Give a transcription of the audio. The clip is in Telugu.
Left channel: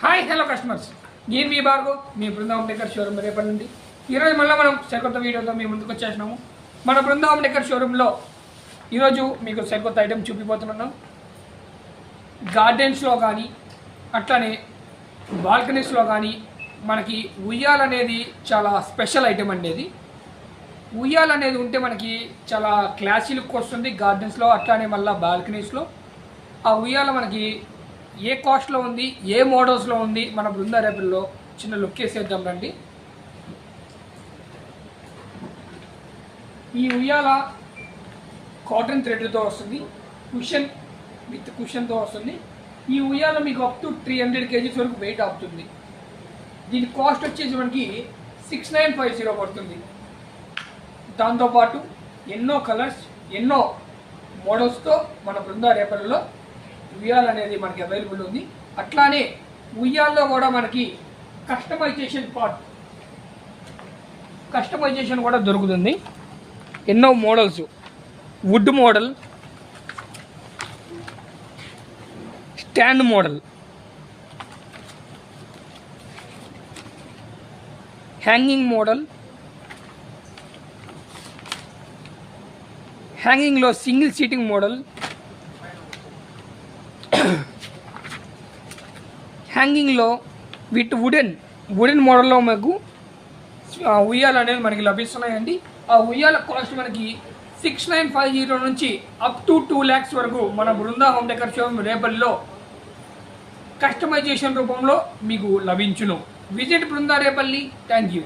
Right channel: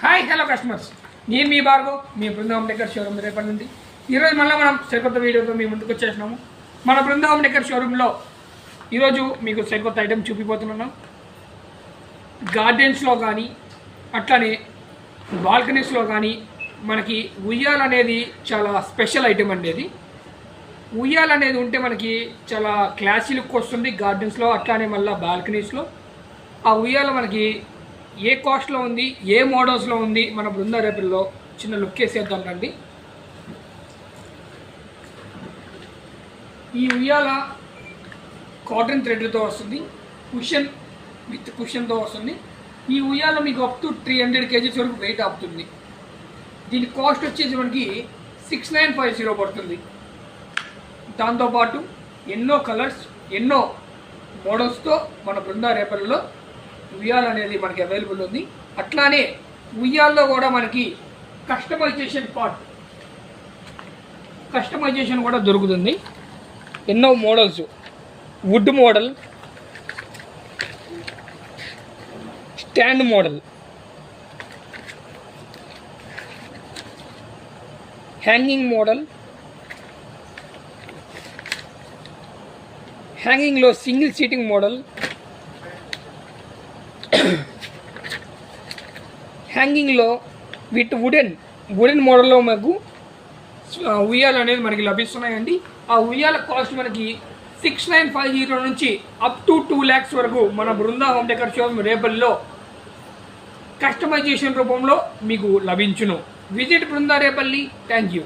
హాయ్ హలో కస్టమర్స్, నేను మీ భార్గవ్, మీ బృందావన్ డెకర్ షోరూమ్ రేపటి నుండి. ఈరోజు మళ్ళీ మనం సరికొత్త వీడియోతో మీ ముందుకు వచ్చేసినాము. మన బృందావన్ డెకర్ షోరూంలో ఈరోజు మీకు సరికొత్త ఐటెం చూపిపోతున్నాం. గార్డెన్స్లో కానీ అట్లానే బాల్కనీస్లో కానీ మనకి ఉయ్యాల అనేది చాలా స్పెషల్ ఐటెం అండి. అది ఉయ్యాల అనేది ఉంటే మనకి చాలా క్లాసీ లుక్ వస్తుంది గార్డెన్స్లో, అట్లానే మళ్ళీ బాల్కనీస్లో. ఆ ఉయ్యాల మనకి ఏ కాస్ట్లో ఉంది, ఏ మోడల్స్లో ఉంది, మన బృందా రేపుల్లో చిన్న లుక్ వేసేద్దాం రండి. ఈ ఉయ్యాల కాటన్ థ్రెడ్తో వస్తుంది, కుషన్ విత్ కుషన్తో వస్తుంది. ఈ ఉయ్యాల మీకు అప్ టు 300 kgs వరకు వెయిట్ ఆపుతుంది. దీని కాస్ట్ వచ్చేసి మనకి 6950 పడుతుంది. దాంతోపాటు ఎన్నో కలర్స్, ఎన్నో మోడల్స్తో మన బృందా రేపర్లో ఉయ్యాల అనేది మనకి అవైలబుల్ ఉంది. అట్లానే ఉయ్యాల్లో కూడా మనకి కస్టమైజేషన్ కూడా దొరుకుతుంది. ఎన్నో models, wood model, stand model, hanging model, హ్యాంగింగ్లో సింగిల్ సీటింగ్ మోడల్, హ్యాంగింగ్లో విత్ వుడెన్ మోడల్లో మనకు ఉయ్యాలు అనేది మనకి లభిస్తున్నాయండి. ఆ ఉయ్యాల కాస్ట్ మనకి 6950 నుంచి అప్ టు 2 lakhs వరకు మన బృందా హోమ్ డెకర్ షోరూమ్ రేపల్లో కస్టమైజేషన్ రూపంలో మీకు లభించును. Visit Brinda Repalle. Thank you.